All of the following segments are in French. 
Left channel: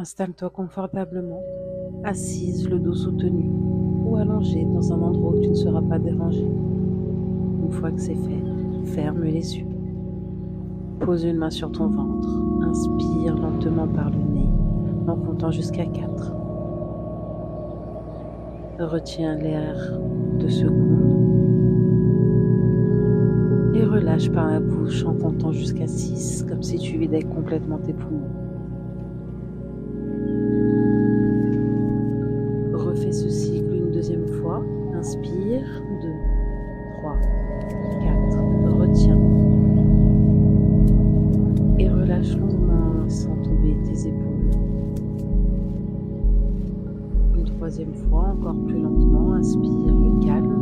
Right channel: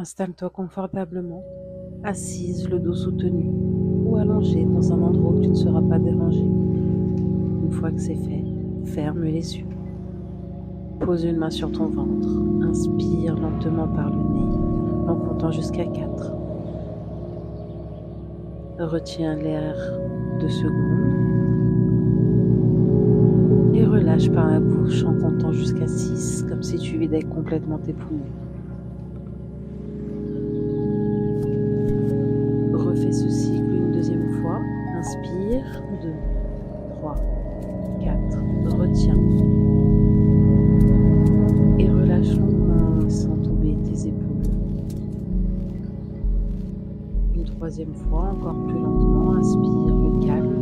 Installe-toi confortablement, assise, le dos soutenu, ou allongée dans un endroit où tu ne seras pas dérangé. Une fois que c'est fait, ferme les yeux. Pose une main sur ton ventre, inspire lentement par le nez en comptant jusqu'à 4. Retiens l'air 2 secondes et relâche par la bouche en comptant jusqu'à 6, comme si tu vidais complètement tes poumons. Refais ce cycle une deuxième fois. Inspire, 2, 3, 4. Retiens. Et relâche longuement sans tomber tes épaules. Une troisième fois, encore plus lentement. Inspire le calme.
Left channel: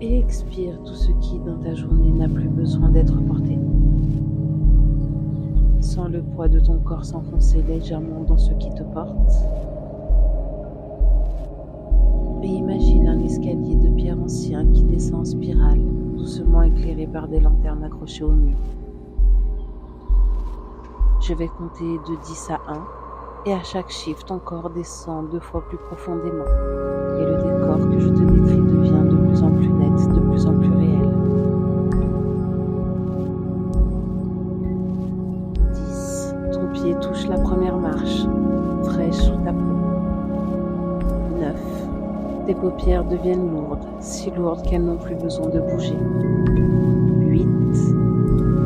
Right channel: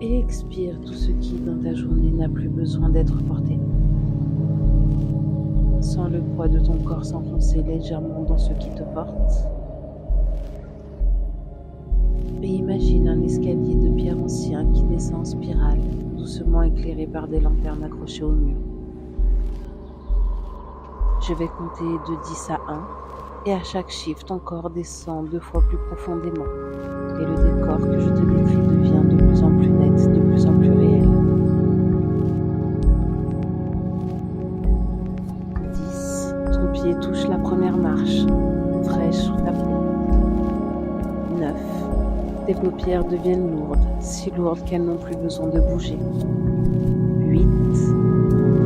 Et expire tout ce qui dans ta journée n'a plus besoin d'être porté. Sens le poids de ton corps s'enfoncer légèrement dans ce qui te porte. Et imagine un escalier de pierre ancien qui descend en spirale, doucement éclairé par des lanternes accrochées au mur. Je vais compter de 10 à 1, et à chaque chiffre, ton corps descend 2 fois plus profondément, et le décor que je te décris devient de plus en plus net, de plus en plus réel. 10. Ton pied touche la première marche, fraîche sous ta peau. 9. Tes paupières deviennent lourdes, si lourdes qu'elles n'ont plus besoin de bouger. 8.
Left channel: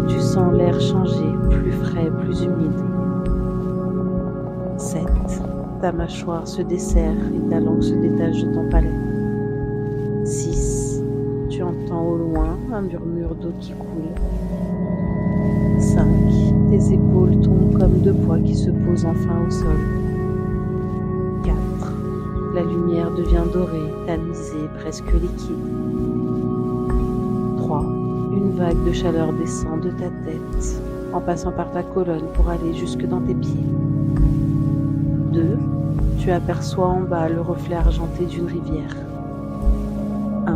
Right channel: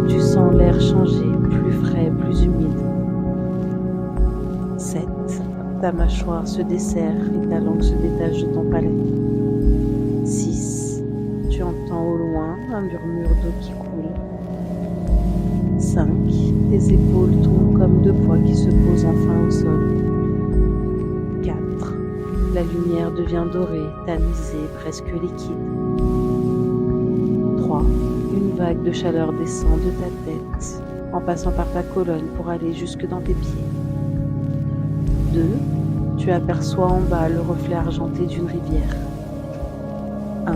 Tu sens l'air changer, plus frais, plus humide. 7. Ta mâchoire se desserre et ta langue se détache de ton palais. 6. Tu entends au loin un murmure d'eau qui coule. 5. Tes épaules tombent comme 2 poids qui se posent enfin au sol. 4. La lumière devient dorée, tamisée, presque liquide. 3. Une vague de chaleur descend de ta tête, en passant par ta colonne pour aller jusque dans tes pieds. 2. Tu aperçois en bas le reflet argenté d'une rivière. 1.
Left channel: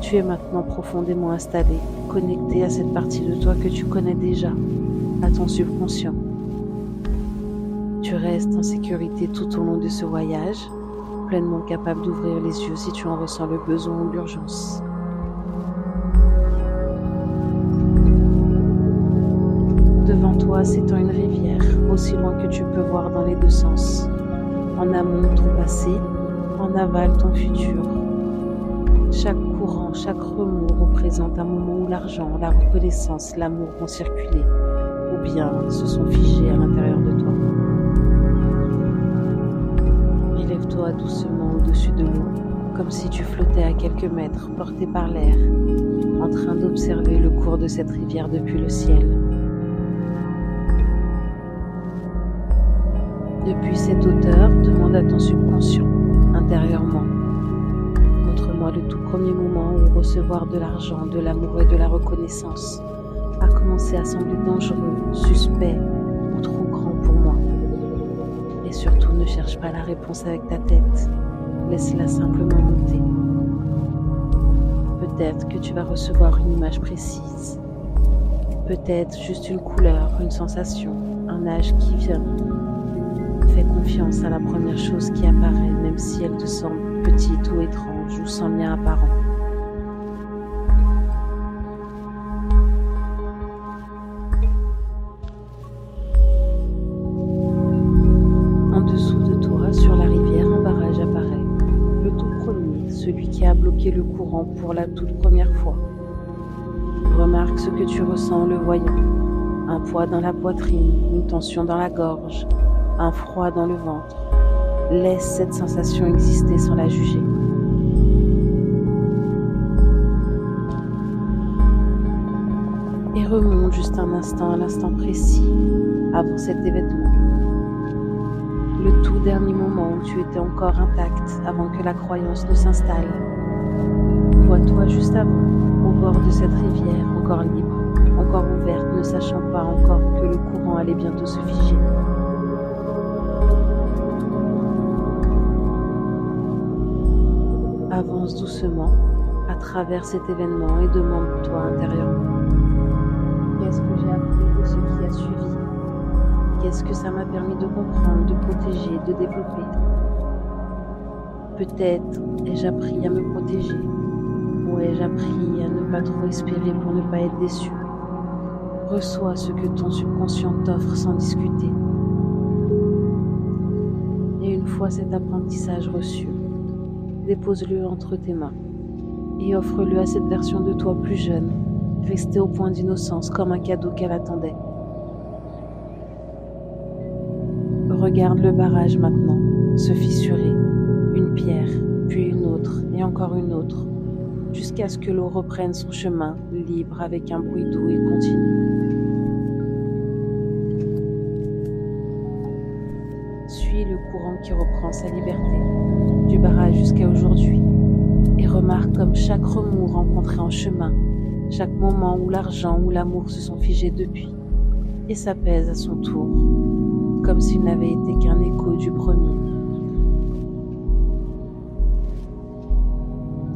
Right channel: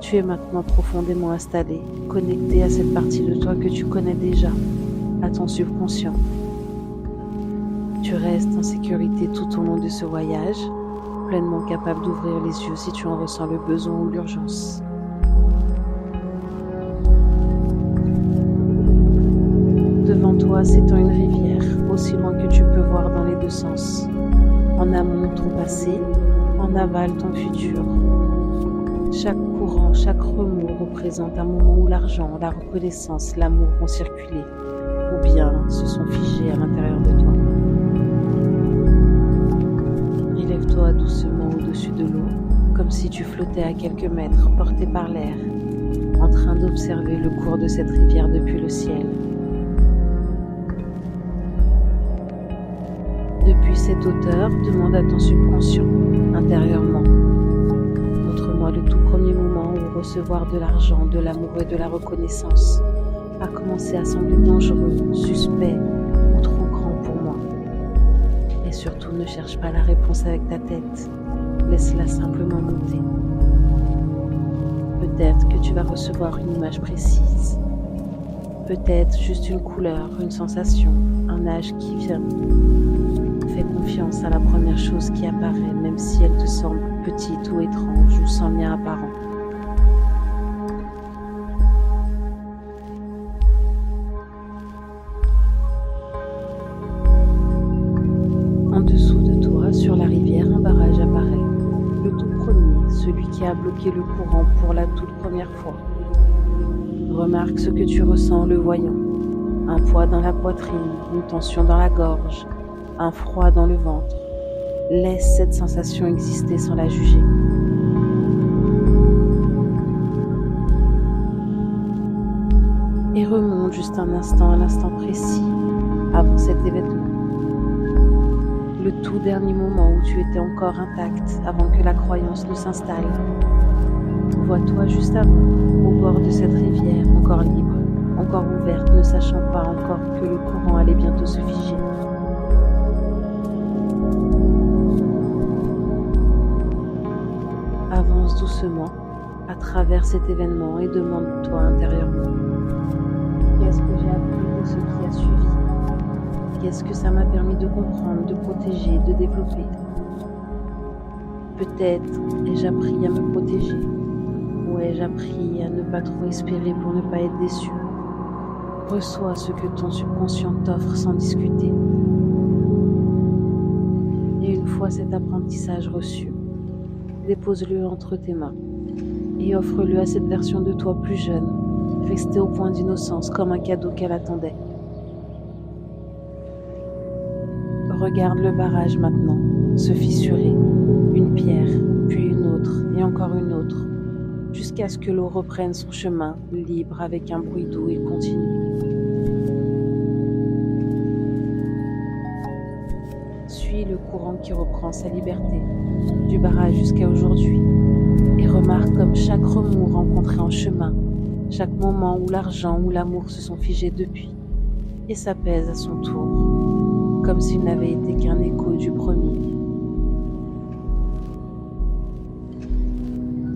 Tu es maintenant profondément installé, connecté à cette partie de toi que tu connais déjà, à ton subconscient. Tu restes en sécurité tout au long de ce voyage, pleinement capable d'ouvrir les yeux si tu en ressens le besoin ou l'urgence. Devant toi s'étend une rivière, aussi loin que tu peux voir dans les 2 sens. En amont ton passé, en aval ton futur. Chaque courant, chaque remous représente un moment où l'argent, la reconnaissance, l'amour vont circuler, ou bien se sont figés à l'intérieur de toi. Élève-toi doucement au-dessus de l'eau, comme si tu flottais à quelques mètres, porté par l'air, en train d'observer le cours de cette rivière depuis le ciel. Depuis cette hauteur, demande à ton subconscient, intérieurement. Montre-moi le tout premier moment où recevoir de l'argent, de l'amour et de la reconnaissance a commencé à sembler dangereux, suspect ou trop grand pour moi. Et surtout, ne cherche pas la réponse avec ta tête. Laisse-la simplement monter. Peut-être que tu vas recevoir une image précise. Peut-être juste une couleur, une sensation, un âge qui vient. Fais confiance à la première chose qui apparaît, même si elle te semble petite ou étrange ou sans lien apparent. En dessous de toi, sur la rivière, un barrage apparaît. Le tout premier, celui qui a bloqué le courant pour la toute première fois. Remarque ce que tu ressens en le voyant. Un poids dans la poitrine, une tension dans la gorge, un froid dans le ventre. Laisse cette sensation exister sans la juger. Et remonte juste un instant à l'instant précis, avant cet événement. Le tout dernier moment où tu étais encore intact, avant que la croyance ne s'installe. Vois-toi juste avant, au bord de cette rivière, encore libre, encore ouverte, ne sachant pas encore que le courant allait bientôt se figer. Avance doucement à travers cet événement et demande-toi intérieurement: qu'est-ce que j'ai appris de ce qui a suivi? qu'est-ce que ça m'a permis de comprendre, de protéger, de développer. Peut-être ai-je appris à me protéger, ou ai-je appris à ne pas trop espérer pour ne pas être déçu. Reçois ce que ton subconscient t'offre sans discuter. Et une fois cet apprentissage reçu, dépose-le entre tes mains et offre-le à cette version de toi plus jeune, restée au point d'innocence comme un cadeau qu'elle attendait. Regarde le barrage maintenant se fissurer, une pierre, puis une autre et encore une autre, jusqu'à ce que l'eau reprenne son chemin libre avec un bruit doux et continu. Suis le courant qui reprend sa liberté, du barrage jusqu'à aujourd'hui, et remarque comme chaque remous rencontré en chemin, chaque moment où l'argent ou l'amour se sont figés depuis, et s'apaise à son tour, comme s'il n'avait été qu'un écho du premier.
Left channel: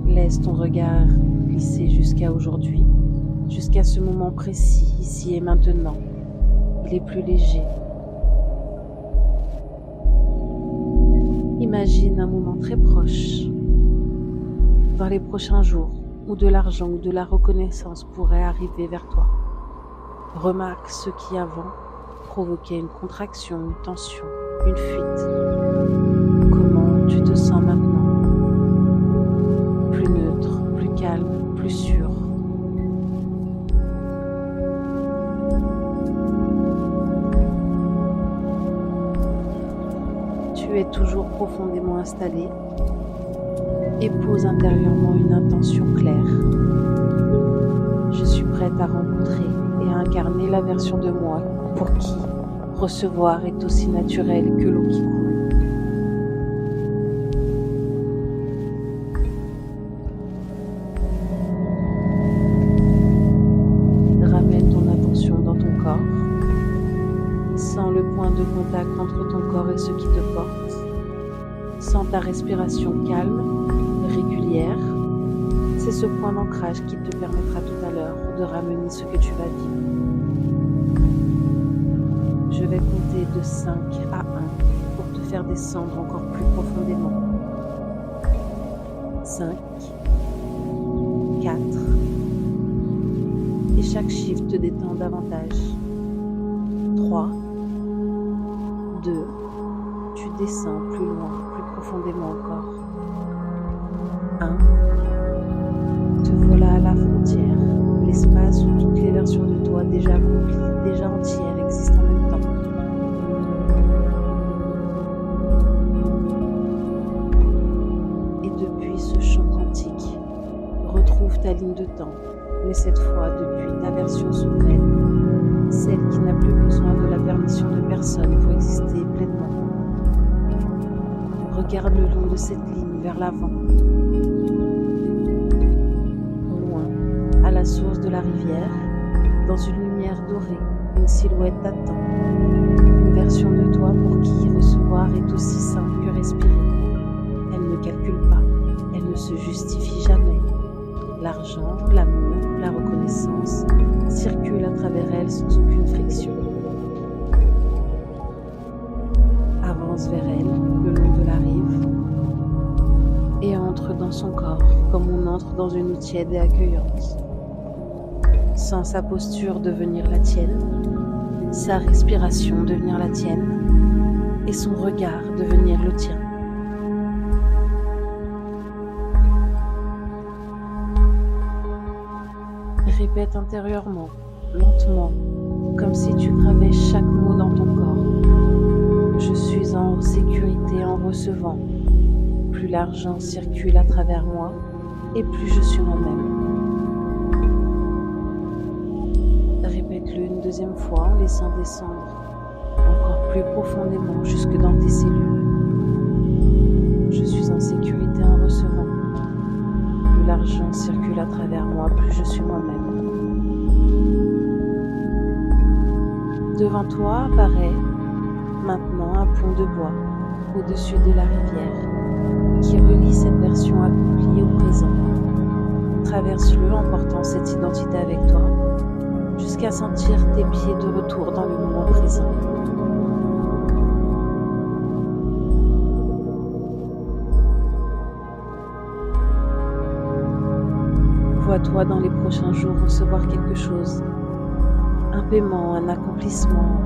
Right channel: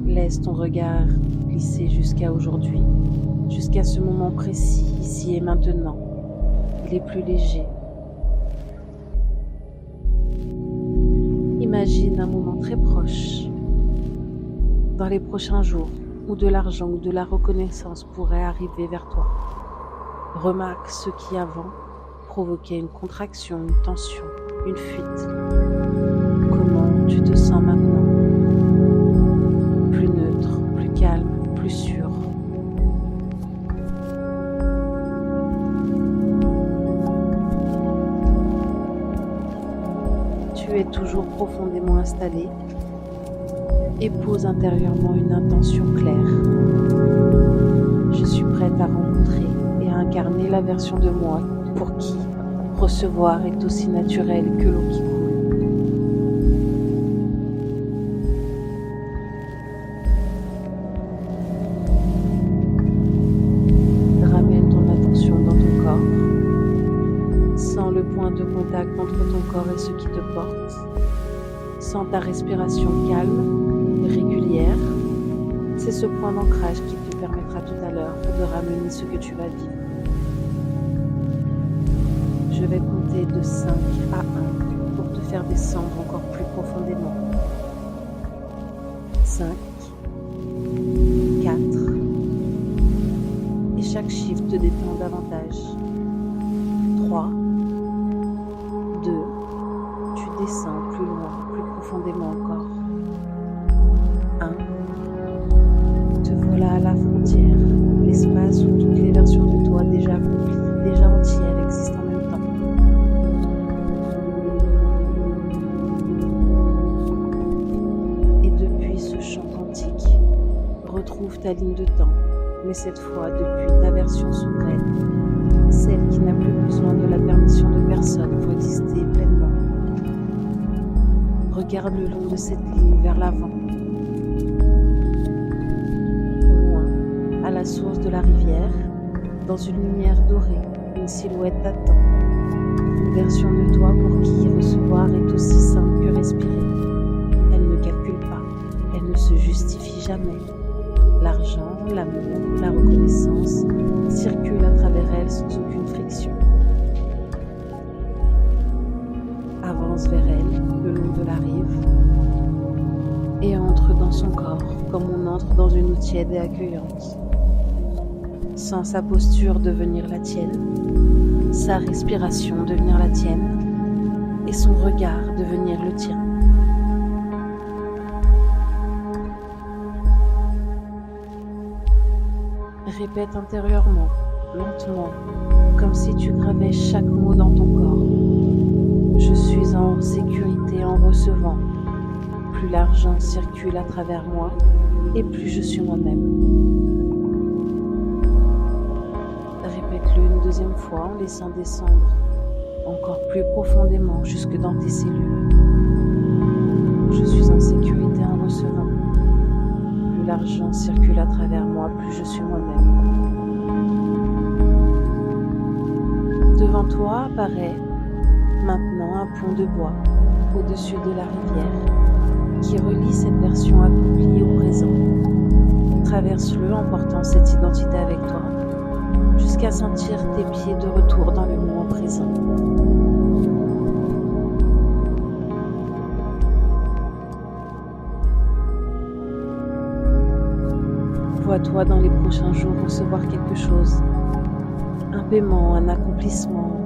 Laisse ton regard glisser jusqu'à aujourd'hui, jusqu'à ce moment précis, ici et maintenant. Il est plus léger. Imagine un moment très proche, dans les prochains jours, où de l'argent ou de la reconnaissance pourrait arriver vers toi. Remarque ce qui avant provoquait une contraction, une tension, une fuite. Comment tu te sens maintenant? Plus neutre, plus calme, plus sûr. Tu es toujours profondément installé et pose intérieurement une intention claire. Je suis prête à rencontrer et à incarner la version de moi pour qui recevoir est aussi naturel que l'eau qui coule. Ramène ton attention dans ton corps. Sens le point de contact entre ton corps et ce qui te porte. Sens ta respiration calme, régulière. C'est ce point d'ancrage qui te permettra tout à l'heure de ramener ce que tu vas vivre. Je vais compter de 5 à 1 pour te faire descendre encore plus profondément. 5, 4, et chaque chiffre te détend davantage. 3, 2, tu descends plus loin, plus profondément encore. 1, te voilà à la frontière, l'espace où toutes les versions de toi déjà accomplies, déjà entières existent en même temps. Et depuis ce champ quantique, retrouve ta ligne de temps, mais cette fois depuis ta version souveraine, celle qui n'a plus besoin de la permission de personne pour exister pleinement. Regarde le long de cette ligne vers l'avant. Au loin, à la source de la rivière, dans une lumière dorée, une silhouette t'attend. Une version de toi pour qui recevoir est aussi simple que respirer. Elle ne calcule pas, elle ne se justifie jamais. L'argent, l'amour, la reconnaissance circulent à travers elle sans aucune friction. Avance vers elle, le long de la rive, et entre dans son corps comme on entre dans une eau tiède et accueillante. Sens sa posture devenir la tienne, sa respiration devenir la tienne, et son regard devenir le tien. Répète intérieurement, lentement, comme si tu gravais chaque mot dans ton corps. Je suis en sécurité en recevant. Plus l'argent circule à travers moi, et plus je suis moi-même. Répète-le une deuxième fois en laissant descendre encore plus profondément jusque dans tes cellules. Je suis en sécurité en recevant. Plus l'argent circule à travers moi, plus je suis moi-même. Devant toi apparaît maintenant un pont de bois au-dessus de la rivière qui relie cette version accomplie au présent. Traverse-le en portant cette identité avec toi jusqu'à sentir tes pieds de retour dans le moment présent. Vois-toi dans les prochains jours recevoir quelque chose. Un paiement, un accomplissement,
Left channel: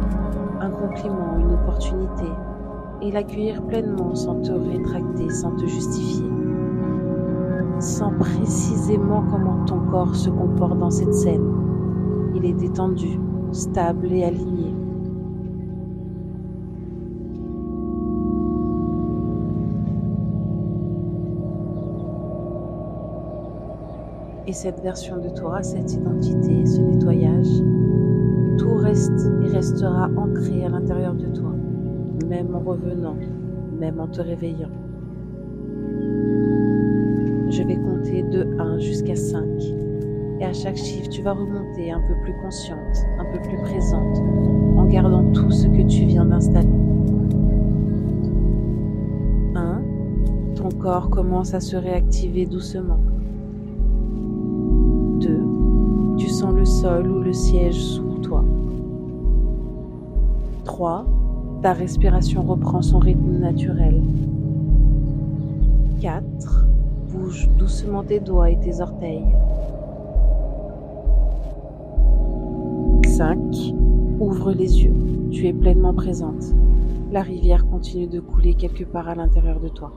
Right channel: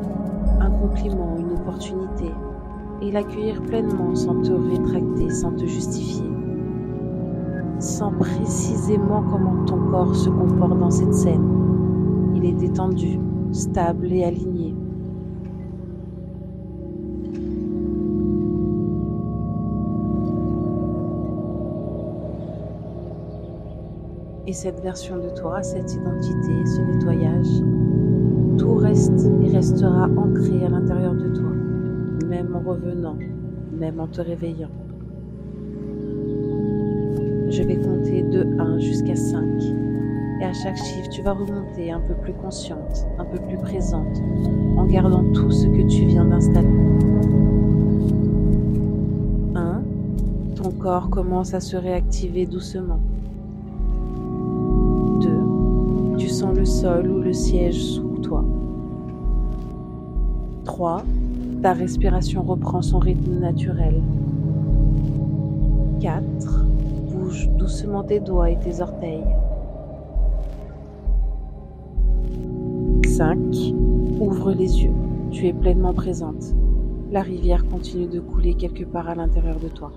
un compliment, une opportunité. Et l'accueillir pleinement sans te rétracter, sans te justifier. Sens précisément comment ton corps se comporte dans cette scène. Il est détendu, stable et aligné. Et cette version de toi, cette identité, ce nettoyage, tout reste et restera ancré à l'intérieur de toi, même en revenant, même en te réveillant. Je vais compter de 1 jusqu'à 5. Et à chaque chiffre, tu vas remonter un peu plus consciente, un peu plus présente, en gardant tout ce que tu viens d'installer. 1. Ton corps commence à se réactiver doucement. 2. Tu sens le sol ou le siège sous toi. 3. Ta respiration reprend son rythme naturel. 4. Bouge doucement tes doigts et tes orteils. 5. Ouvre les yeux. Tu es pleinement présente. La rivière continue de couler quelque part à l'intérieur de toi.